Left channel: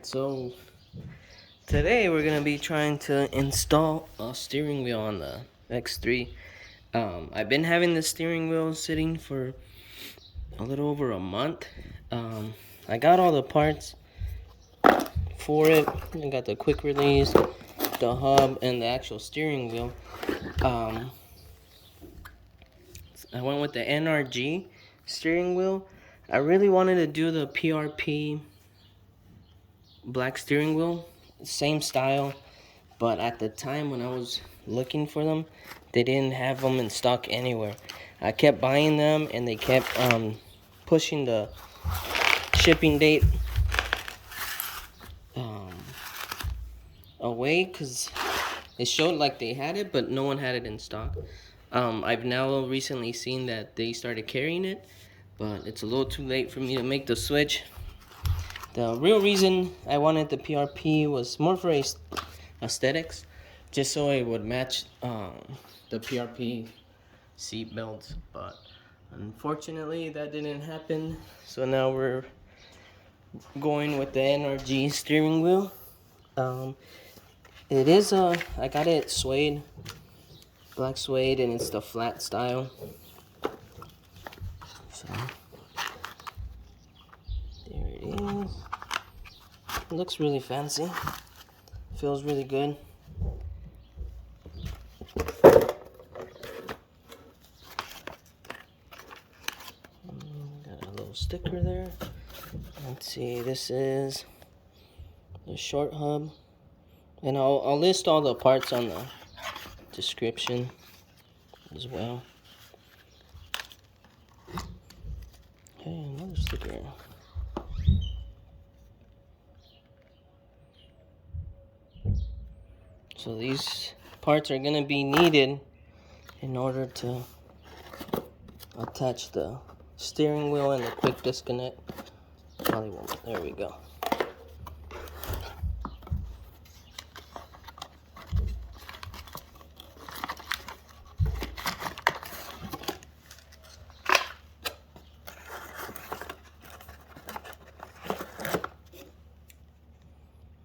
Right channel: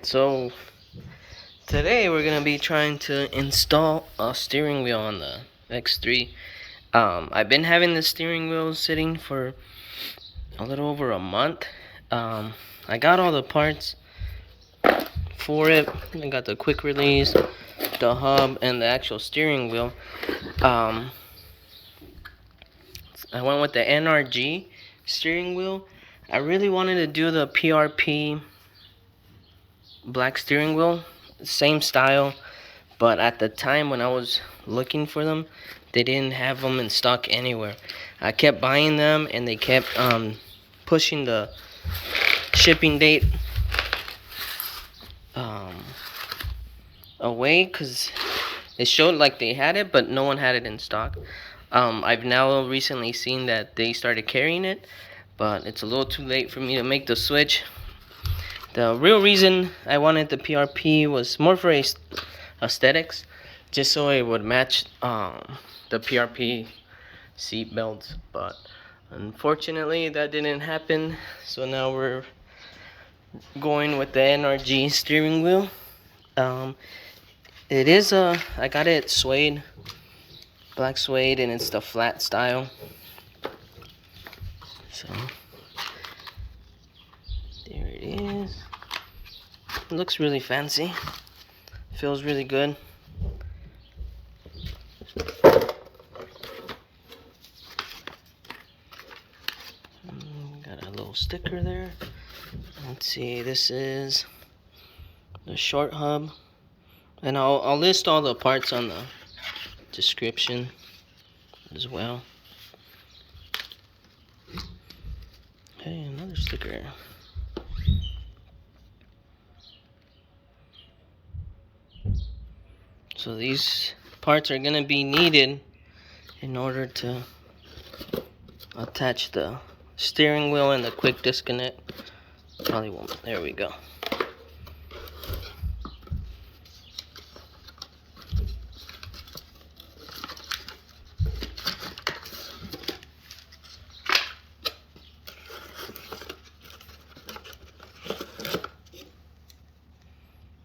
Alright, so today we're gonna be trying to install a steering wheel on the X3. I've been having the steering wheel sitting for a little over a month. I got all the parts for it. I got the quick release, the hub, and the actual steering wheel. I went with the NRG steering wheel. I really wanted to do the PRP black steering wheel, same style, but at the time when I was looking for them, they didn't have them in stock anywhere. I kept buying them and they kept pushing the shipping date away because it showed like they had it, but no one had it in stock. I've now recently seen that they started carrying it, but it's a little too late for me to make the switch. The real reason I wanted the PRP was more for aesthetics, just so it would match the PRP seat belts, but unfortunately that didn't happen, so now we're going with the NRG steering wheel. It is I got it suede, black suede, and it's the flat style. So there it is. It looks really fancy. Feels really good. Got a little sticker there. Let's see, this is the short hub. And I'll list all the parts on the description as well. Hey, another sticker. So these parts are gonna be needed in order to attach the steering wheel and the quick disconnect. Probably won't. There we go.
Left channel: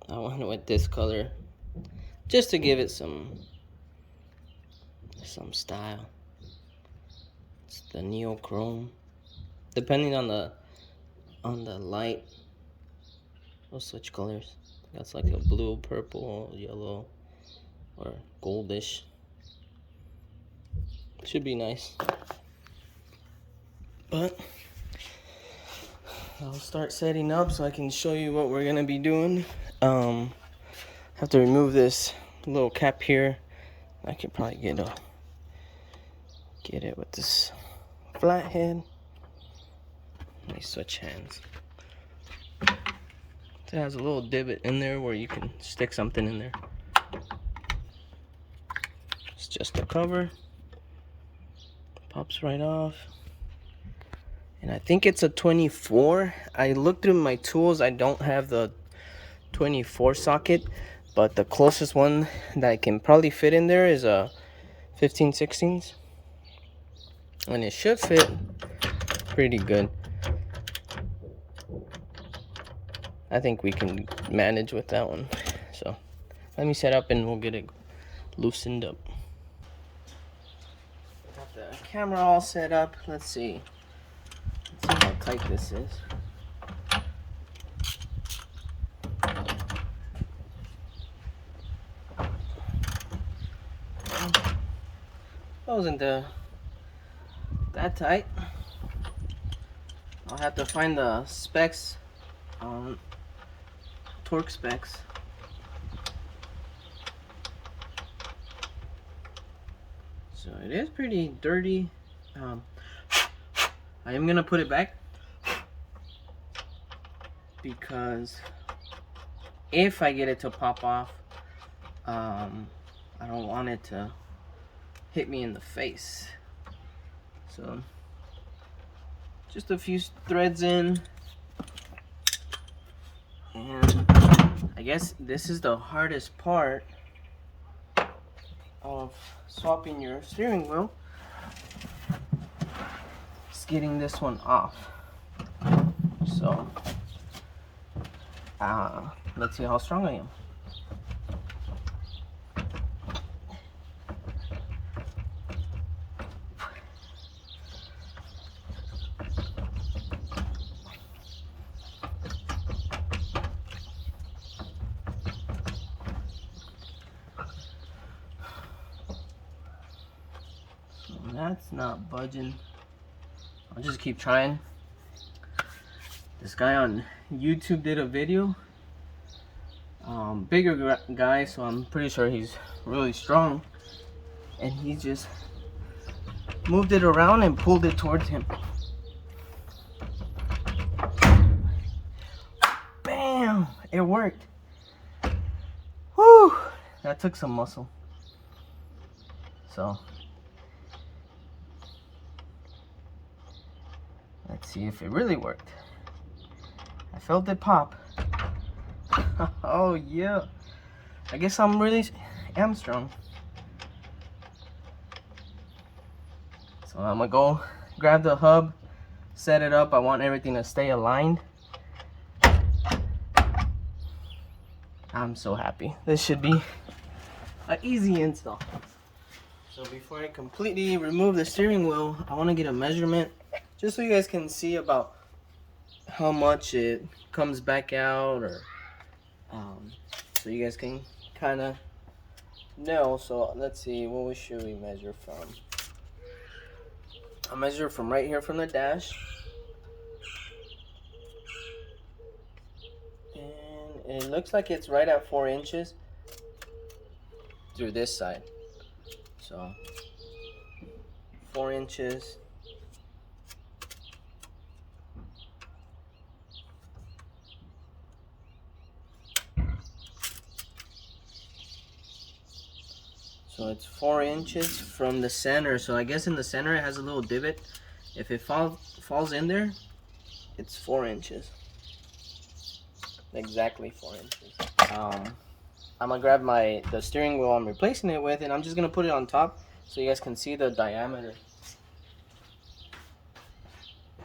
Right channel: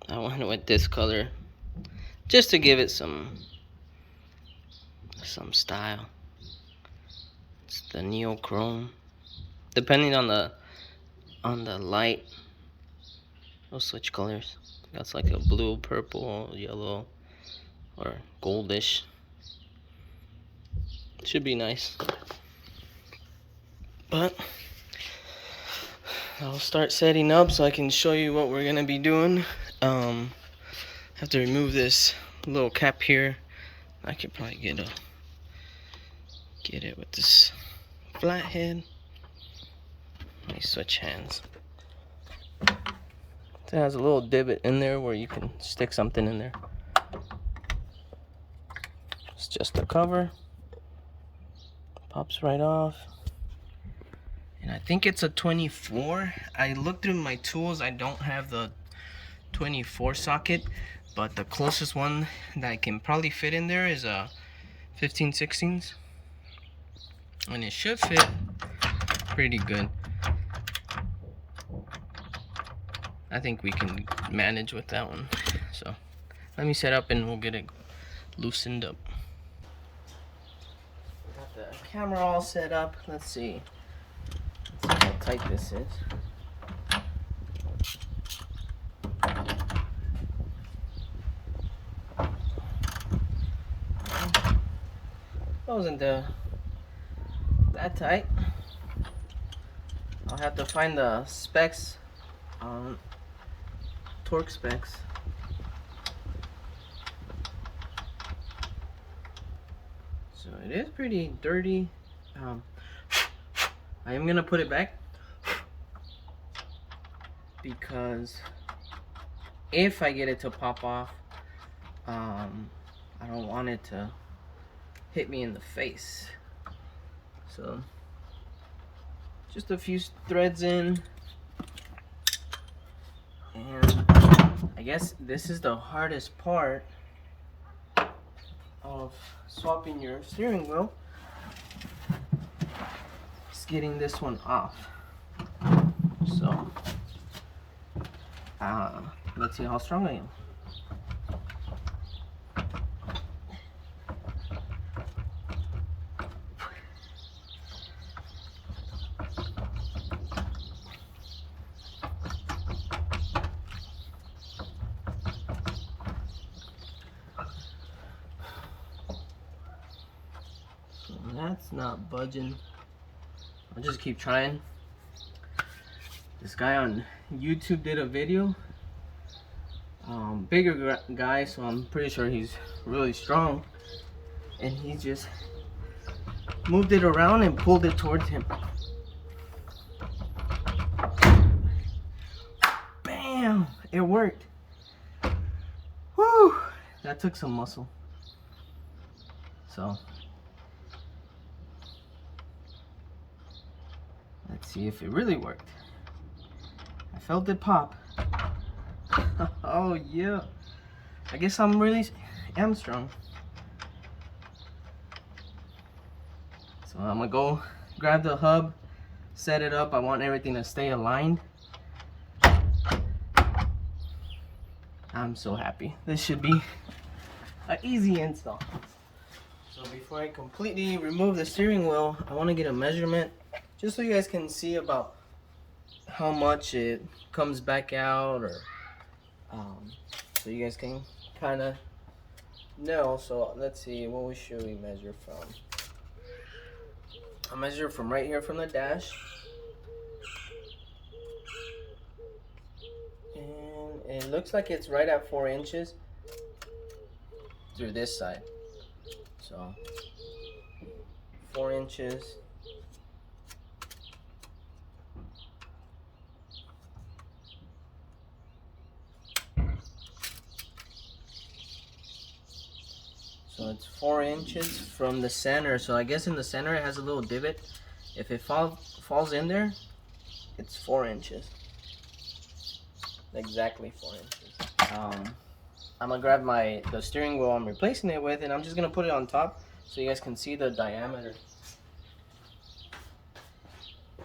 I went with this color just to give it some style. It's the neochrome. Depending on the light, we'll switch colors. That's like a blue, purple, yellow, or goldish. Should be nice. But I'll start setting up so I can show you what we're gonna be doing. Have to remove this little cap here. I could probably get it with this flathead. Let me switch hands. It has a little divot in there where you can stick something in there. It's just a cover. Pops right off. And I think it's a 24. I looked through my tools. I don't have the 24 socket, but the closest one that I can probably fit in there is a 15/16. And it should fit pretty good. I think we can manage with that one. So let me set up and we'll get it loosened up. Got the camera all set up. Let's see how tight this is. Wasn't that tight. I'll have to find the specs, torque specs. So it is pretty dirty. I am gonna put it back because if I get it to pop off, I don't want it to hit me in the face. So just a few threads in, and I guess this is the hardest part of swapping your steering wheel. It's getting this one off. So let's see how strong I am. So that's not budging. I'll just keep trying. This guy on YouTube did a video. Bigger guy, so I'm pretty sure he's really strong. And he just moved it around and pulled it towards him. Bam! It worked. Whew! That took some muscle. So let's see if it really worked. I felt it pop. Oh yeah. I guess I'm really strong. So I'm gonna go grab the hub, set it up. I want everything to stay aligned. I'm so happy. This should be an easy install. So before I completely remove the steering wheel, I want to get a measurement just so you guys can see about how much it comes back out, or so you guys can kind of know. So let's see, what should we measure from? I'll measure from right here from the dash, and it looks like it's right at 4 inches through this side. So 4 inches. So it's 4 inches from the center. So I guess in the center it has a little divot. If it falls in there, it's 4 inches. Exactly 4 inches. I'm gonna grab the steering wheel I'm replacing it with, and I'm just gonna put it on top so you guys can see the diameter.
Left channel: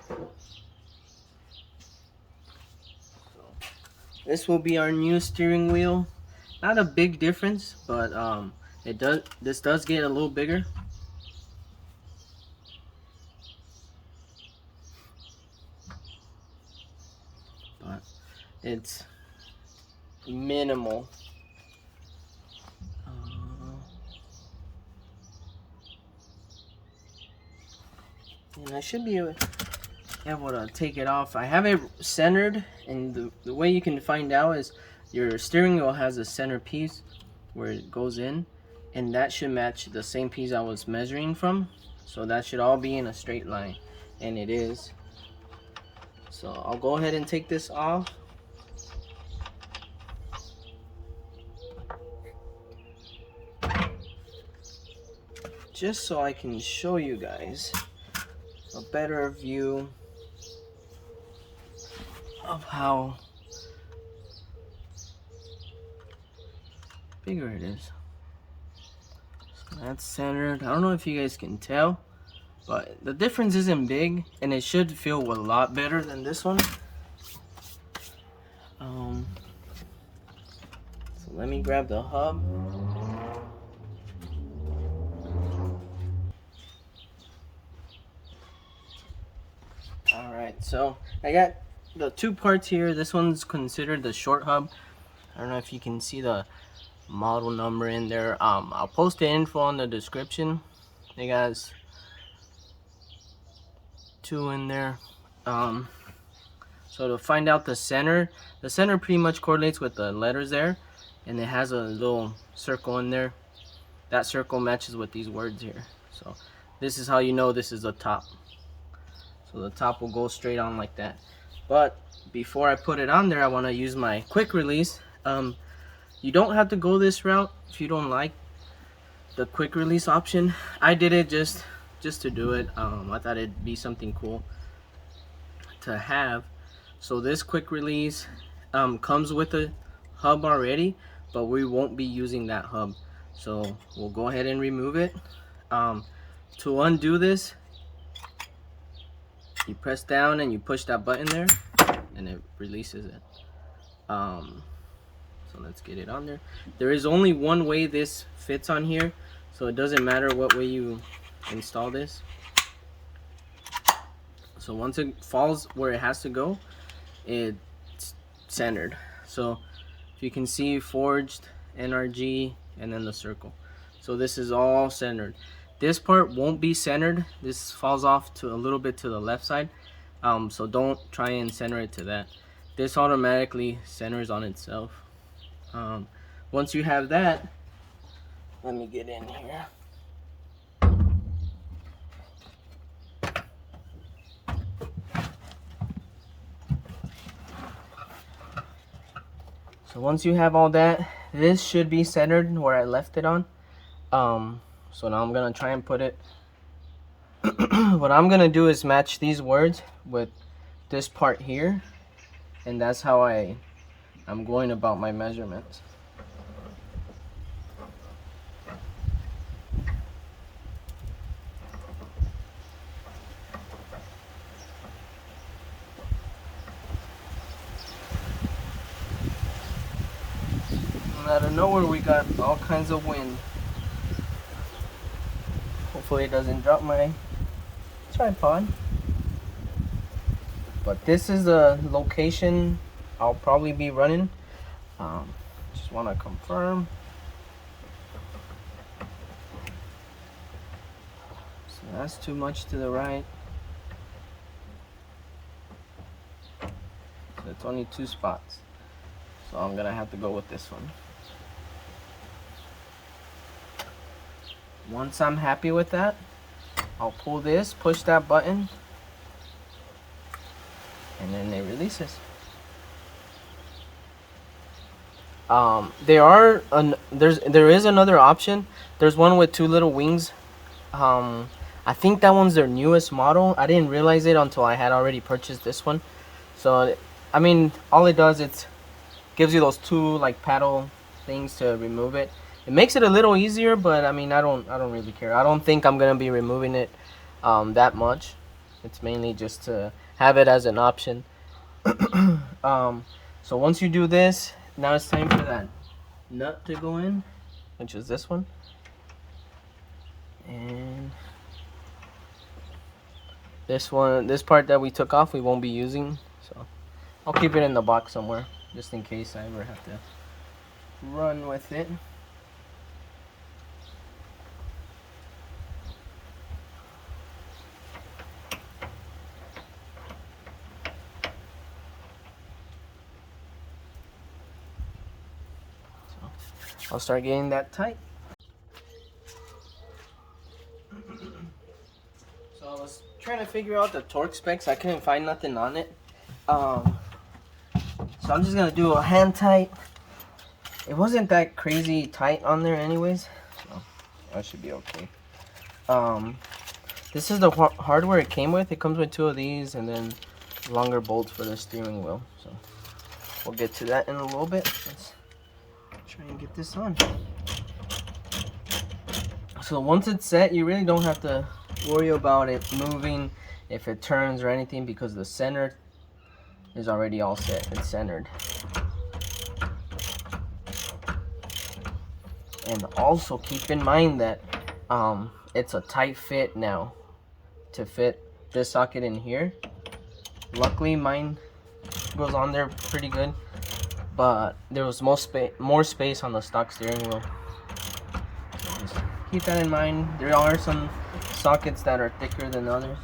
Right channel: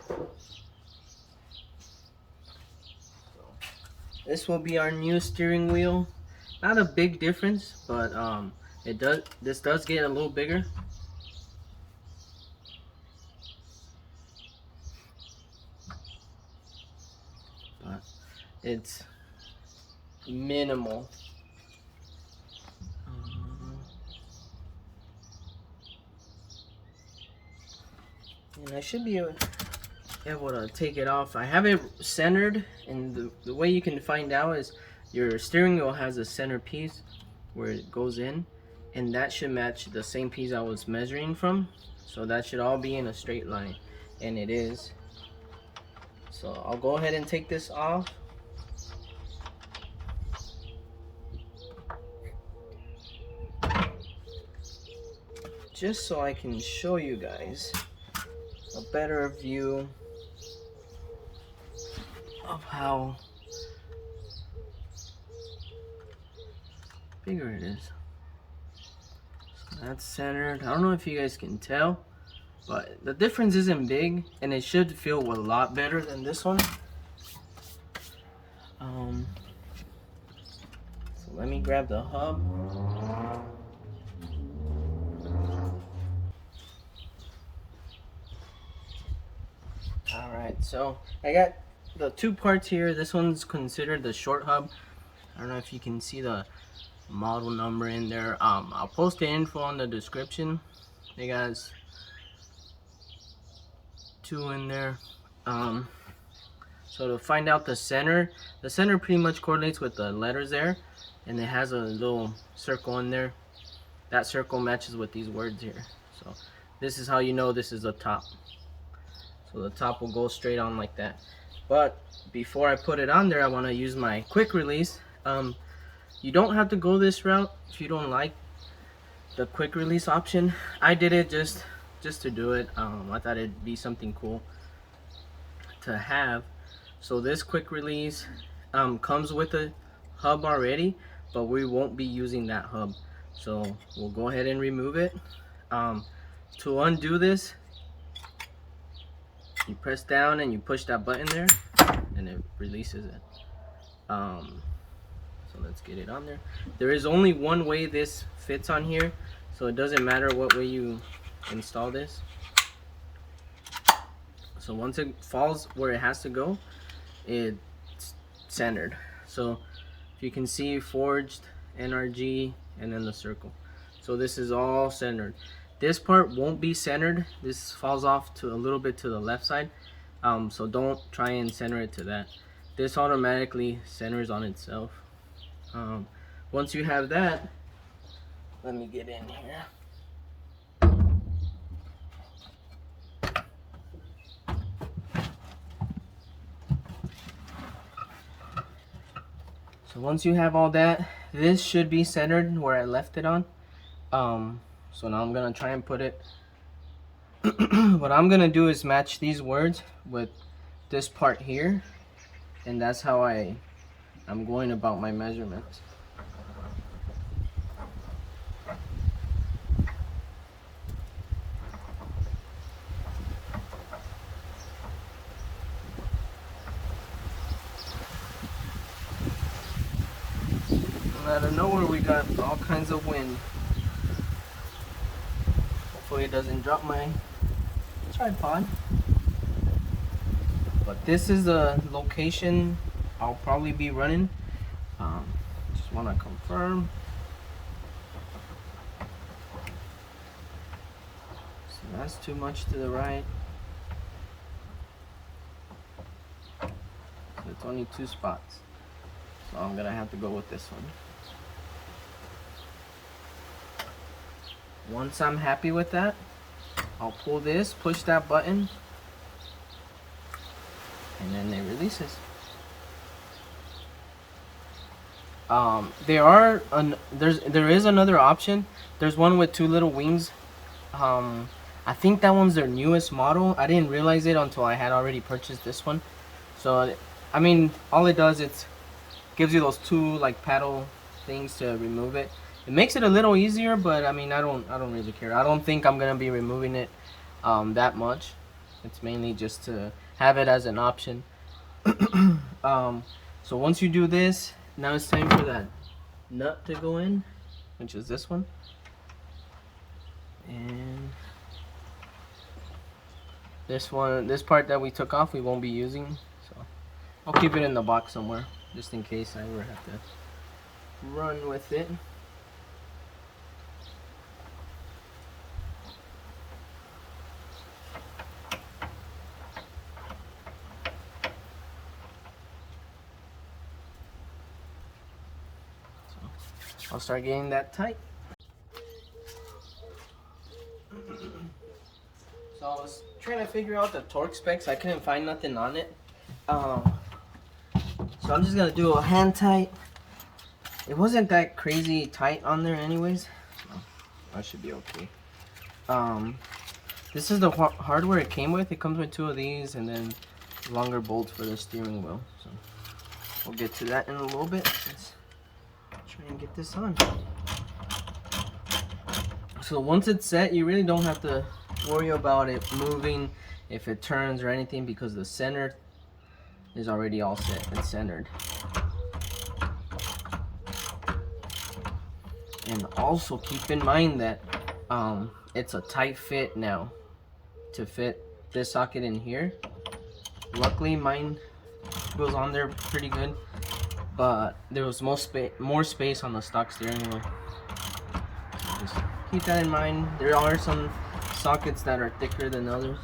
So this will be our new steering wheel. Not a big difference, but this does get a little bigger. But it's minimal. And I should be able to take it off. I have it centered, and the way you can find out is your steering wheel has a center piece where it goes in, and that should match the same piece I was measuring from. So that should all be in a straight line, and it is. So I'll go ahead and take this off. Just so I can show you guys a better view of how bigger it is. So that's centered. I don't know if you guys can tell, but the difference isn't big, and it should feel a lot better than this one. So let me grab the hub. Alright, so I got the two parts here. This one's considered the short hub. I don't know if you can see the model number in there. I'll post the info in the description. It has 2 in there. So to find out the center pretty much correlates with the letters there, and it has a little circle in there. That circle matches with these words here. So this is how you know this is the top. So the top will go straight on like that. But before I put it on there, I want to use my quick release. You don't have to go this route if you don't like the quick release option. I did it just to do it. I thought it'd be something cool to have. So this quick release comes with a hub already, but we won't be using that hub. So we'll go ahead and remove it. To undo this, you press down and you push that button there, and it releases it. So let's get it on there. There is only one way this fits on here, so it doesn't matter what way you install this. So once it falls where it has to go, it's centered. So if you can see, forged, NRG, and then the circle. So this is all centered. This part won't be centered. This falls off to a little bit to the left side. So don't try and center it to that. This automatically centers on itself. Once you have that, let me get in here. So once you have all that, this should be centered where I left it on. So now I'm gonna try and put it. What I'm gonna do is match these words with this part here, and that's how I'm going about my measurements. Out of nowhere we got all kinds of wind. Hopefully it doesn't drop my tripod. But this is the location I'll probably be running. Just want to confirm. So that's too much to the right. So it's only 2 spots. So I'm gonna have to go with this one. Once I'm happy with that, I'll pull this, push that button, and then it releases. There is another option. There's one with 2 little wings. I think that one's their newest model. I didn't realize it until I had already purchased this one. So I mean, all it does, it gives you those 2 like paddle things to remove it. It makes it a little easier, but I mean, I don't really care. I don't think I'm gonna be removing it that much. It's mainly just to have it as an option. So once you do this, now it's time for that nut to go in, which is this one. And this one, this part that we took off, we won't be using. So I'll keep it in the box somewhere, just in case I ever have to run with it. I'll start getting that tight. So I was trying to figure out the torque specs. I couldn't find nothing on it. So I'm just gonna do a hand tight. It wasn't that crazy tight on there anyways, so that should be okay. This is the hardware it came with. It comes with 2 of these and then longer bolts for the steering wheel. So we'll get to that in a little bit. Let's try and get this on. So once it's set, you really don't have to worry about it moving if it turns or anything, because the center is already all set. It's centered. And also keep in mind that it's a tight fit now to fit this socket in here. Luckily mine goes on there pretty good, but there was more space on the stock steering wheel. So just keep that in mind. There are some sockets that are thicker than others.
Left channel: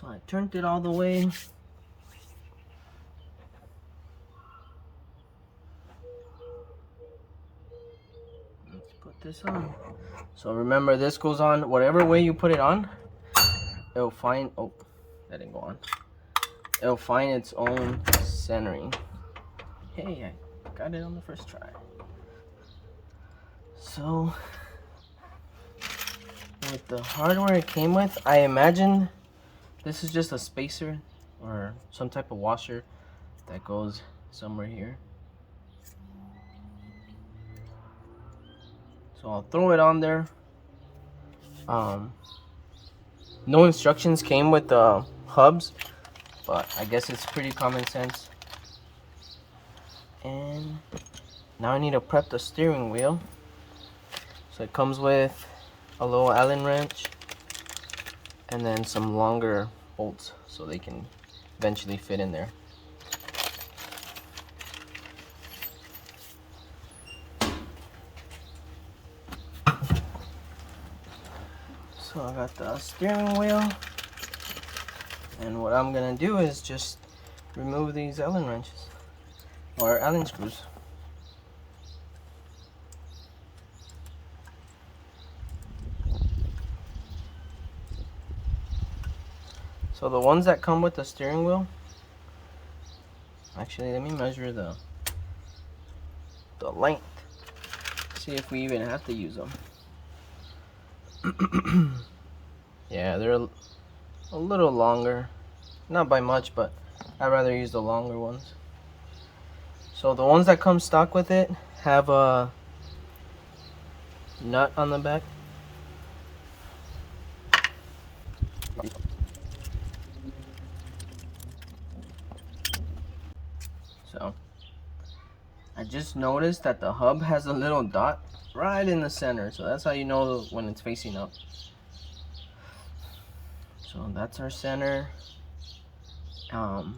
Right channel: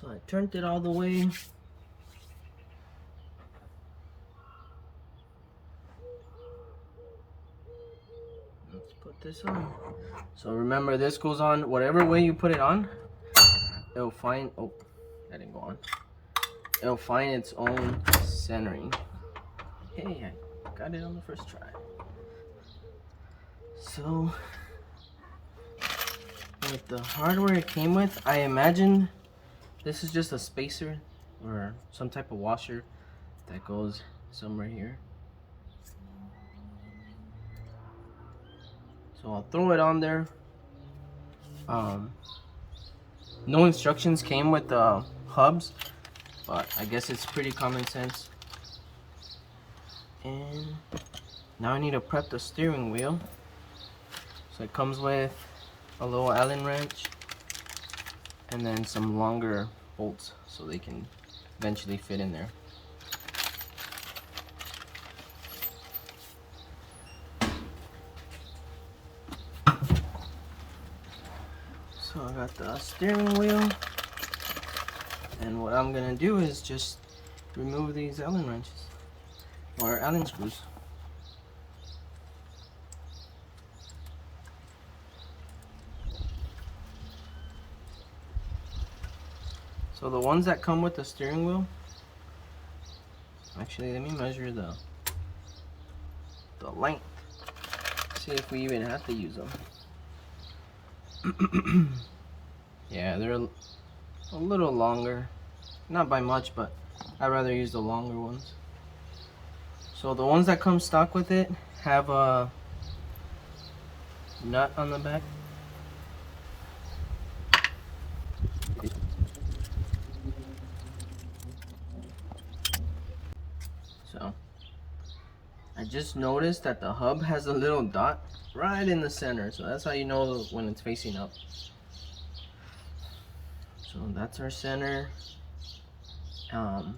So I turned it all the way. Let's put this on. So remember, this goes on whatever way you put it on. It'll find, oh, that didn't go on. It'll find its own centering. Hey, I got it on the first try. So with the hardware it came with, I imagine This is just a spacer or some type of washer that goes somewhere here. So I'll throw it on there. No instructions came with the hubs, but I guess it's pretty common sense. And now I need to prep the steering wheel. So it comes with a little Allen wrench and then some longer bolts so they can eventually fit in there. So I got the steering wheel, and what I'm gonna do is just remove these Allen wrenches or Allen screws. So the ones that come with the steering wheel, actually let me measure the length, see if we even have to use them. Yeah, they're a little longer, not by much, but I'd rather use the longer ones. So the ones that come stock with it have a nut on the back. So I just noticed that the hub has a little dot right in the center, so that's how you know when it's facing up. So that's our center. I'll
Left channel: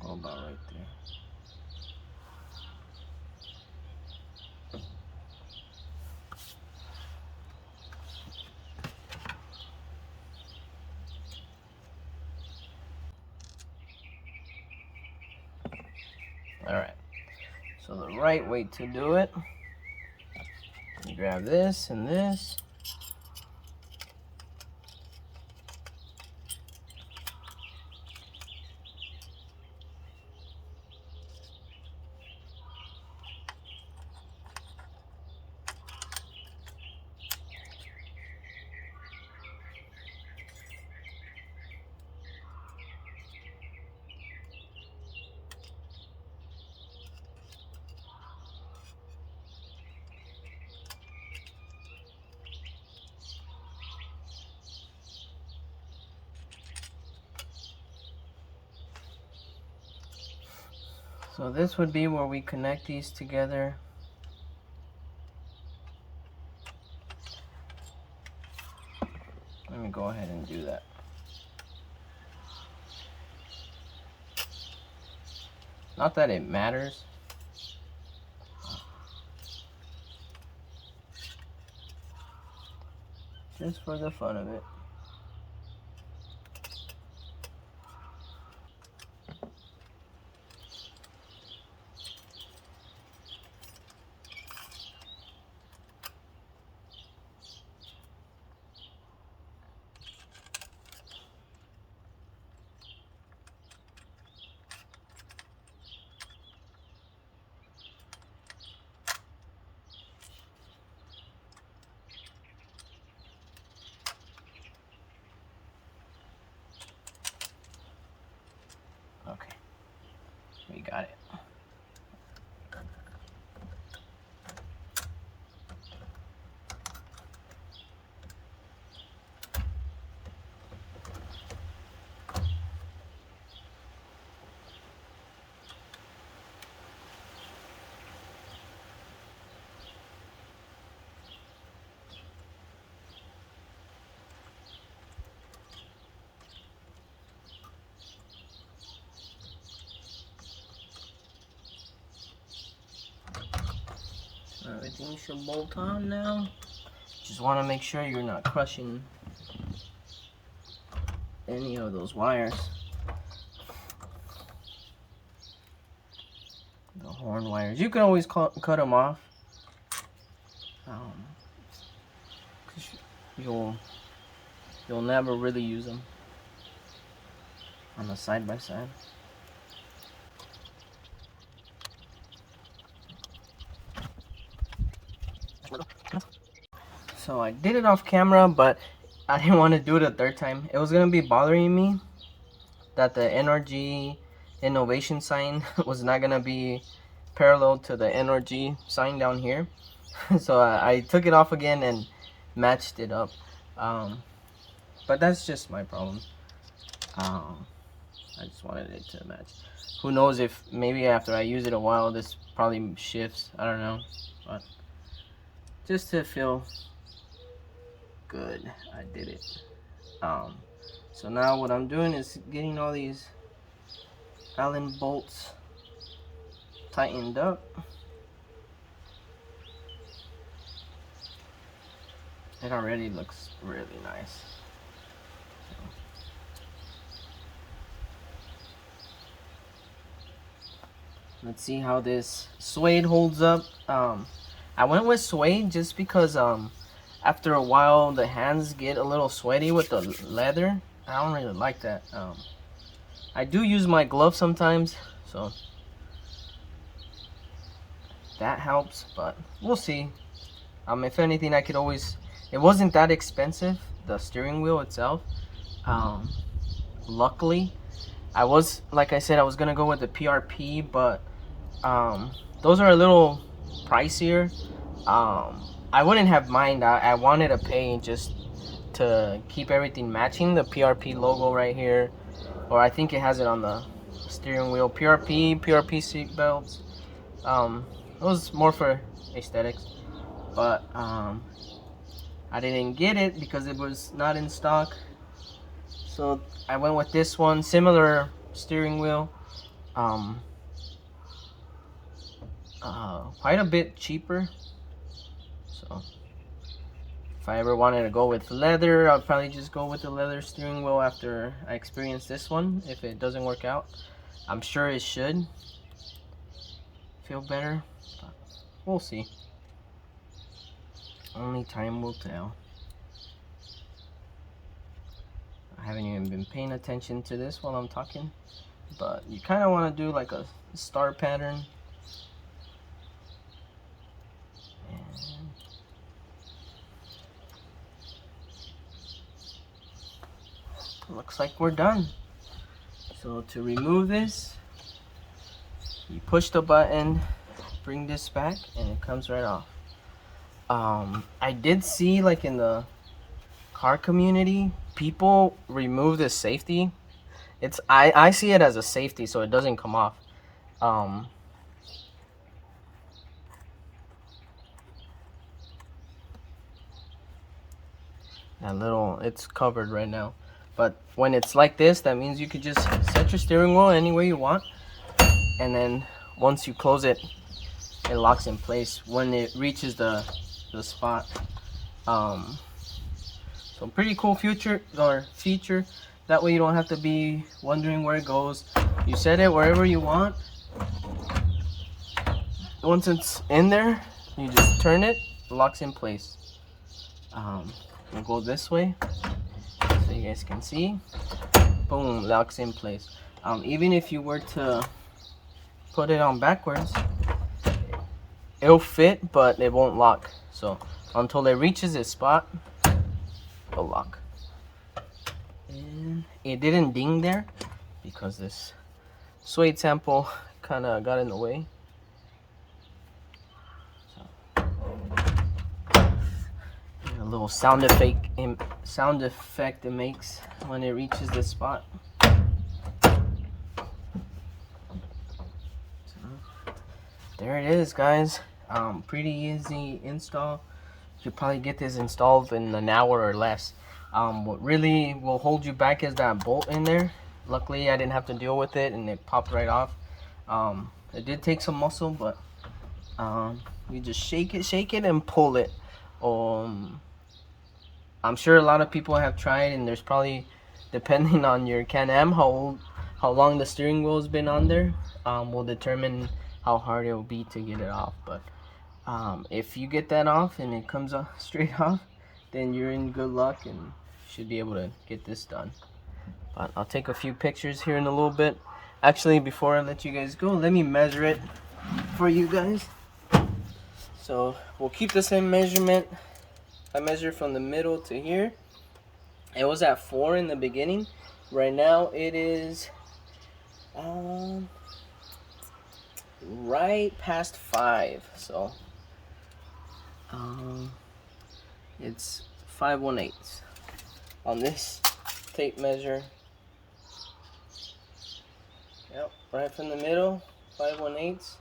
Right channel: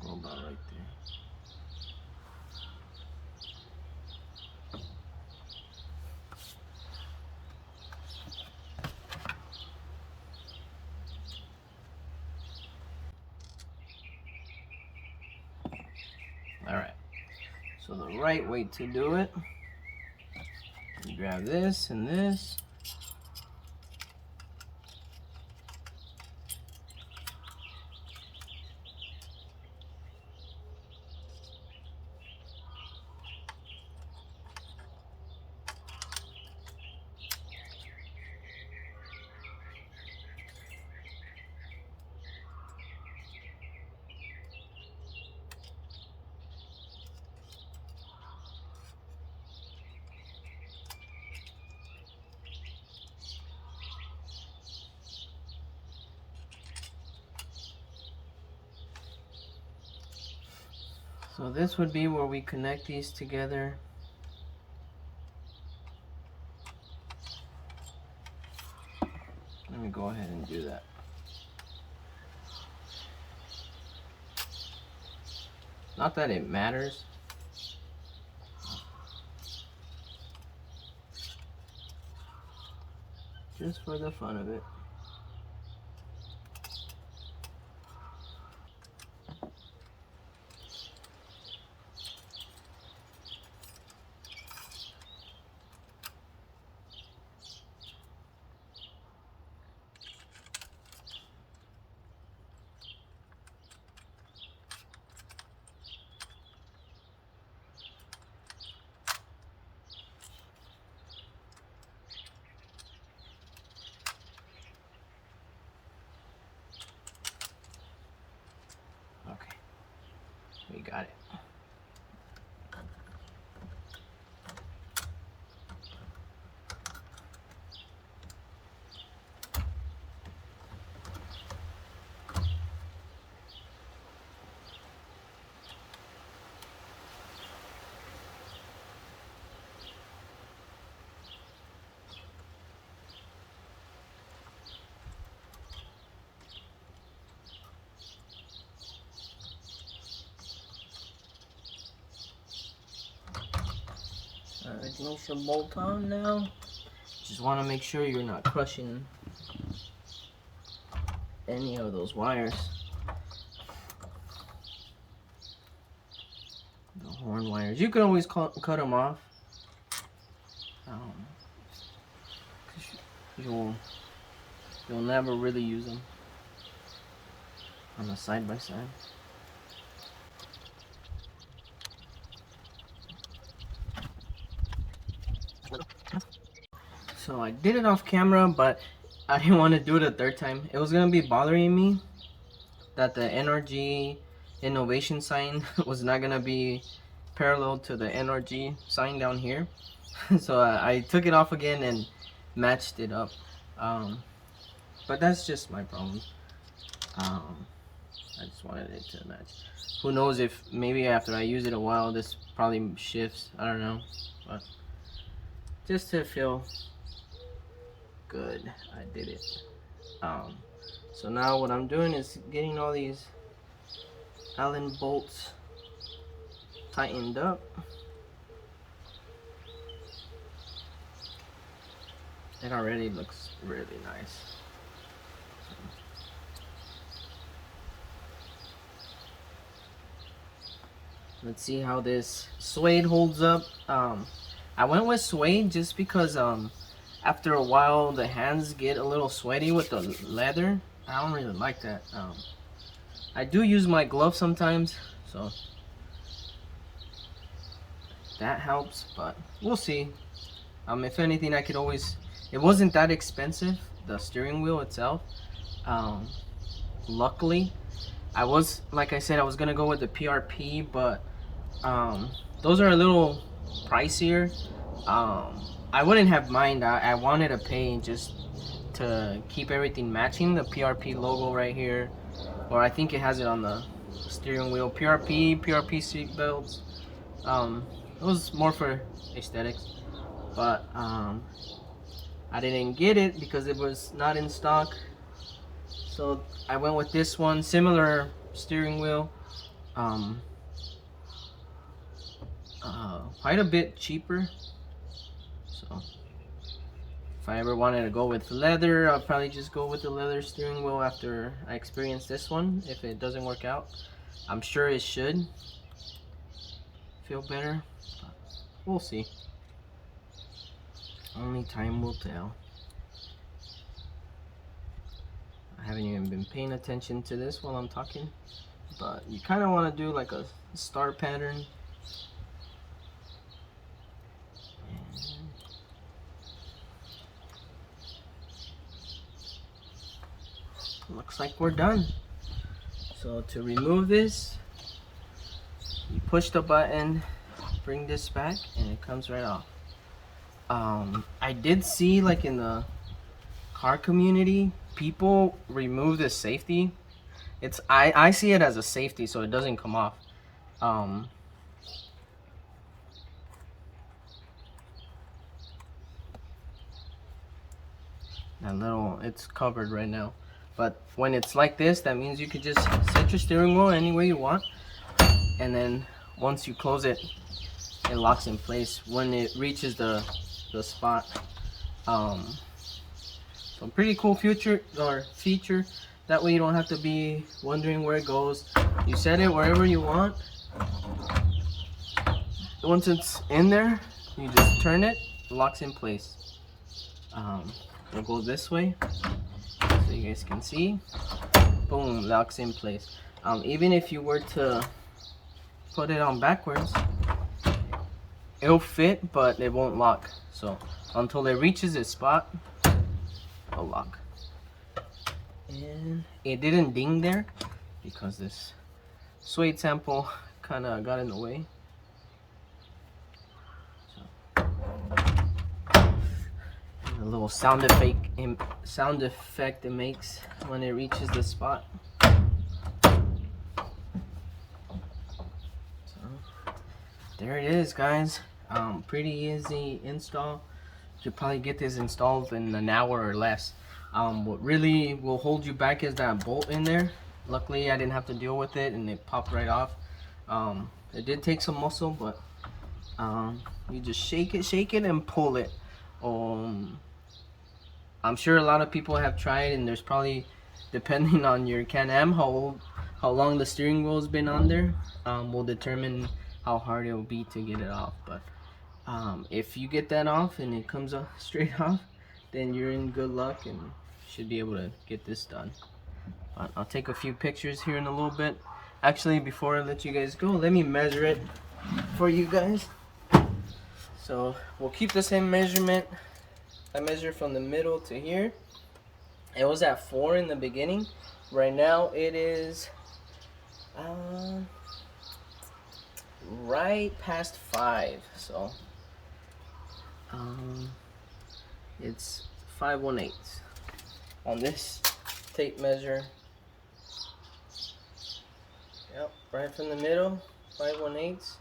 go about right there. Alright, so the right way to do it, you grab this and this. So this would be where we connect these together. Let me go ahead and do that. Not that it matters. Just for the fun of it. Okay, we got it. Everything should bolt on now. Just want to make sure you're not crushing any of those wires. The horn wires. You can always cut them off. You'll never really use them. on the side by side. So I did it off camera, but I didn't want to do it a third time. It was gonna be bothering me that the NRG innovation sign was not gonna be parallel to the NRG sign down here. So I took it off again and matched it up. But that's just my problem. I just wanted it to match. Who knows if maybe after I use it a while, this probably shifts. I don't know. But just to feel good, I did it. So now what I'm doing is getting all these Allen bolts tightened up. It already looks really nice. Let's see how this suede holds up. I went with suede just because after a while the hands get a little sweaty with the leather. I don't really like that. I do use my gloves sometimes, so that helps, but we'll see. If anything, I could always, it wasn't that expensive, the steering wheel itself. Luckily, I was, like I said, I was gonna go with the PRP, but those are a little pricier. I wouldn't have mind. I wanted to pay just to keep everything matching. The PRP logo right here, or I think it has it on the steering wheel. PRP seat belts. It was more for aesthetics, but I didn't get it because it was not in stock. So I went with this one, similar steering wheel. Quite a bit cheaper. So if I ever wanted to go with leather, I'll probably just go with the leather steering wheel after I experience this one. If it doesn't work out, I'm sure it should feel better, but we'll see. Only time will tell. I haven't even been paying attention to this while I'm talking, but you kind of want to do like a star pattern. Looks like we're done. So to remove this, you push the button, bring this back, and it comes right off. I did see, like, in the car community, people remove this safety. I see it as a safety so it doesn't come off. That little, it's covered right now. But when it's like this, that means you could just set your steering wheel any way you want. And then once you close it, it locks in place when it reaches the spot. So pretty cool feature. That way you don't have to be wondering where it goes. You set it wherever you want. Once it's in there, you just turn it, it locks in place. We'll go this way so you guys can see. Boom, locks in place. Even if you were to put it on backwards, it'll fit, but it won't lock. So until it reaches its spot, it'll lock. And it didn't ding there because this suede sample kind of got in the way. A little sound effect it makes when it reaches this spot. So, there it is, guys. Pretty easy install. You could probably get this installed in an hour or less. What really will hold you back is that bolt in there. Luckily I didn't have to deal with it and it popped right off. It did take some muscle, but you just shake it and pull it. I'm sure a lot of people have tried, and there's probably, depending on your Can Am, how long the steering wheel's been on there, will determine how hard it will be to get it off. But if you get that off and it comes off straight off, then you're in good luck and should be able to get this done. But I'll take a few pictures here in a little bit. Actually, before I let you guys go, let me measure it for you guys. So we'll keep the same measurement. I measured from the middle to here. It was at 4 in the beginning. Right now it is right past 5. So it's 5/1/8 on this tape measure. Yep, right from the middle, 5/1/8.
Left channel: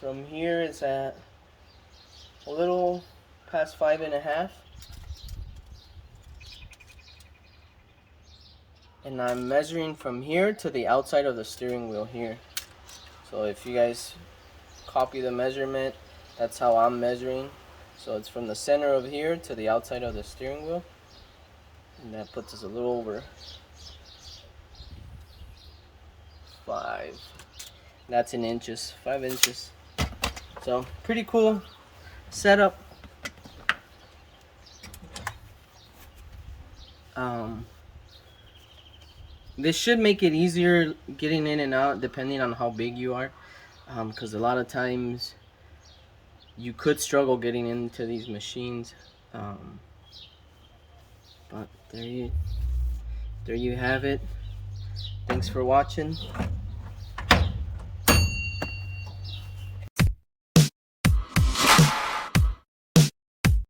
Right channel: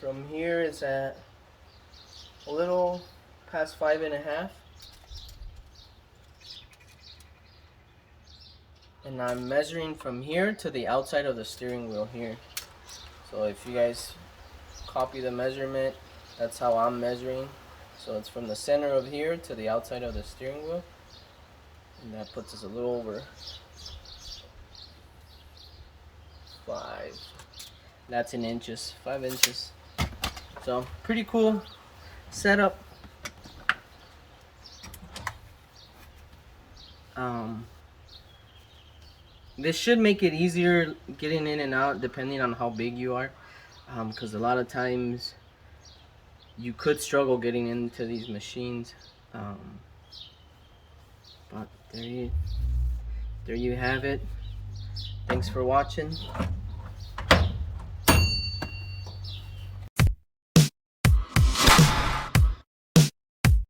From here it's at a little past 5.5. And I'm measuring from here to the outside of the steering wheel here. So if you guys copy the measurement, that's how I'm measuring. So it's from the center of here to the outside of the steering wheel. And that puts us a little over 5. That's in inches, 5 inches. So pretty cool setup. This should make it easier getting in and out depending on how big you are, because a lot of times you could struggle getting into these machines. But there you have it. Thanks for watching.